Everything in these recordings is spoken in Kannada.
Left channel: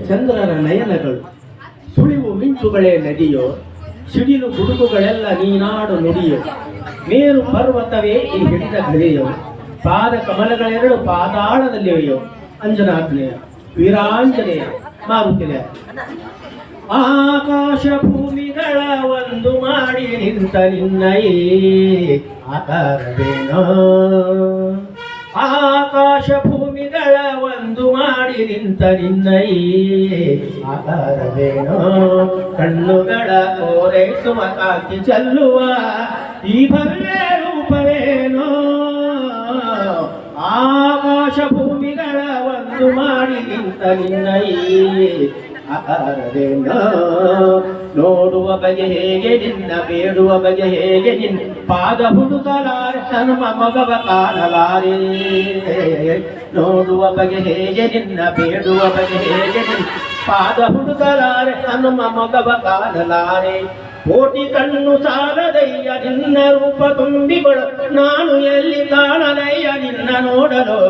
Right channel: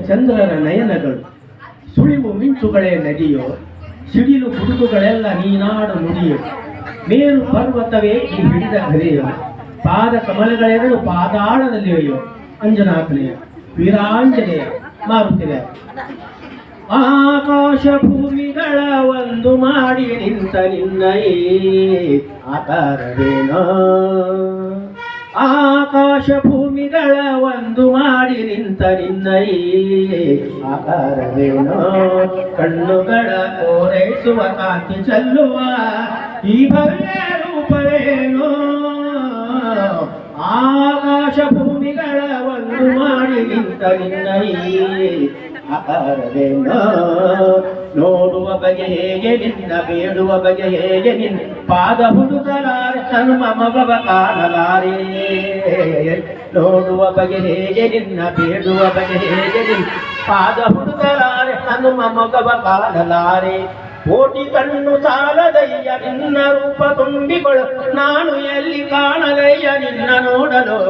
ಚಂದ್ರರ ನಯನಗಳು, ಸುಳಿವು ಮಿಂಚುಗಳೇ ನದಿಯೋ, ಸಿಡಿಲು ಗುಡುಗುಗಳೆಲ್ಲ ನೀನಾಡು ನುಡಿಯೋ. ಮೇರು ಪರ್ವತವೇ ಈ ಹಿಡಿದ ಘರೆಯೋ ಪಾದ ಕಮಲಗಳೆರಡು ಅಯ್ಯೋ ಅಂಜನಾಗ್ನೇಯ, ವೀರಾಂಜನೇಯ ಮಾರುತಿದೆ ಆಕಾಶ ಭೂಮಿಗಳ ಒಂದು ಮಾಡಿ ನಿಂತ ನಿನ್ನಯೇ ಆಕಾರವೇನೋ. ಆಕಾಶ ಮಾಡಿ ನಿಂತ ನಿನ್ನಯೇ ಆಕಾರವೇನೋ ಕಣ್ಣುಗಳ ಕೋರೈಸುವ ಕಾಂತಿ ಚೆಲ್ಲುವ ಈ ಭವ್ಯ ರೂಪವೇನೋ ಆಕಾಶ ಭೂಮಿಗಳ ಒಂದು ಮಾಡಿ ನಿಂತ ನಿನ್ನಯೇ ಆಕಾರವೇನೋ ನೋಡುವ ಬಗೆ ಹೇಗೆ ನಿನ್ನ ಬೇಡುವ ಬಗೆ ಹೇಗೆ ನಿನ್ನ ಪಾದ ಹುಡುಕಲಾರೆ ತನ್ನ ಮಗವ ಕಾಣಲಾರೆ ನೋಡುವ ಬಗೆ ಹೇಗೆ ನಿನ್ನ ಬೇಡುವ ಬಗೆ ಹೇಗೆ ನಿನ್ನ ಪಾದ ಹುಡುಕಲಾರೆ ತನ್ನ ಮಗವ ಕಾಣಲಾರೆ ಕೋಟಿ ಕಣ್ಣು ಸಾಲದಯ್ಯ, ನಿನ್ನ ರೂಪ ತುಂಬಿಗಳು ನಾನು ಎಲ್ಲಿ ಕಾಣಲಯ್ಯ, ನಿನ್ನ ನೋಡಲು.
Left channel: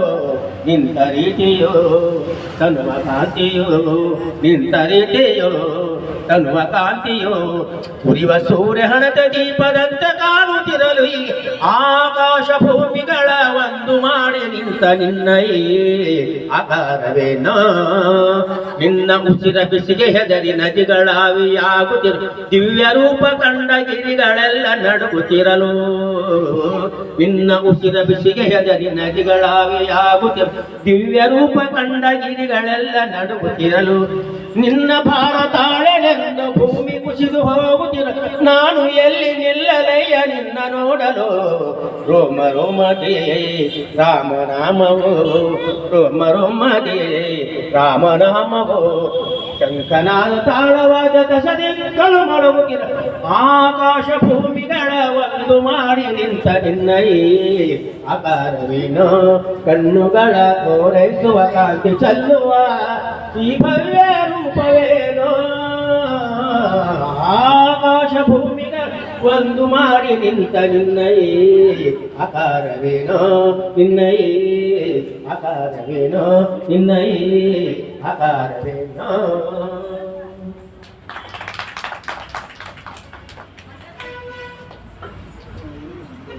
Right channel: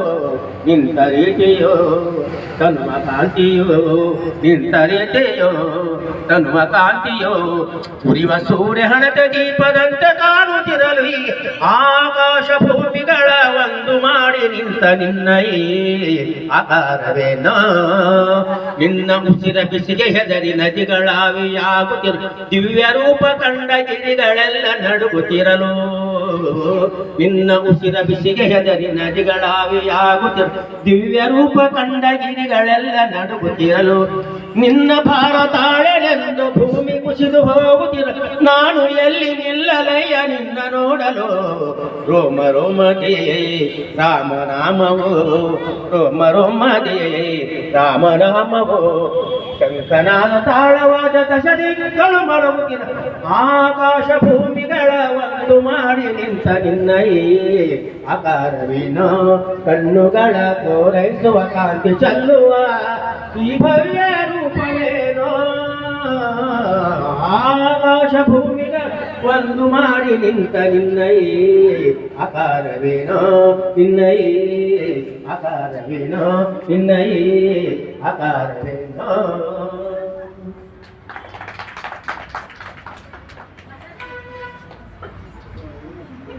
ನಿಂತ ರೀತಿಯೋ, ತನುವ ಕಾಂತಿಯೋ, ನಿಂತ ರೀತಿಯೋ, ತನುವ ಕಾಂತಿಯೋ. ಉರಿವ ಸೂರ್ಯ ಹಣದ ದೀಪದಂತೆ ಕಾಣುತ್ತಿರಲು. ಆಕಾಶ ಭೂಮಿಗಳ ನಿಂತ ನಿನ್ನ ನಿನ್ನ ಉಸಿರ ಬಿಸಿಗೆ ಹೆದರಿ ನದಿಗಳಾವಿಯಾಗುತ್ತಿರು. ದಿವ್ಯ ರೂಪ ಕಂಡ ಗಿರಿಗಳೆಲ್ಲ ನಡುಗುತ್ತಿರಲು. ನಿನ್ನ ಉಸಿರ ಬಿಸಿಗೆ ಹೆದರಿ ನದಿಗಳಾವಿಯಾಗುತ್ತಿರು. ದಿವ್ಯ ರೂಪ ಕಂಡ ಗಿರಿಗಳೆಲ್ಲ ನಡುಗುತ್ತಿರಲು. ನಿನ್ನ ಭಾರತಾಳೆಳೆಂದು ಭೂಮಿ ಕುಸಿದು ಹೋಗುತ್ತಿರ ರೋಮ ರೋಮಗೆ ರಾಮ ನಾಮವೋ ರೋಮ ರೋಮಗೆ ರಾಮ ನಾಮವೋ ಶಂಕನಾದ ತಾಳವಾದ ದಶದಿಕ್ಕಲು ಮಡಗುತ್ತಿರ ಆಕಾಶ ಭೂಮಿಗಳ ಒಂದು ಮಾಡಿ ನಿಂತ ನಿನ್ನಯೇ ಆಕಾರವೇನೋ ಕಣ್ಣುಗಳ ಕೋರೈಸುವ ಕಾಂತಿ ಚೆಲ್ಲುವ ಈ ಭವ್ಯ ರೂಪವೇನೋ ಒಂದು ಮಾಡಿ ನಿಂತ ನಿನ್ನಯೇ ಆಕಾರವೇನೋ ನಿನ್ನಯೇ ಆಕಾರವೇನೋ ನಿನ್ನಯೇ ಆಕಾರವೇನೋ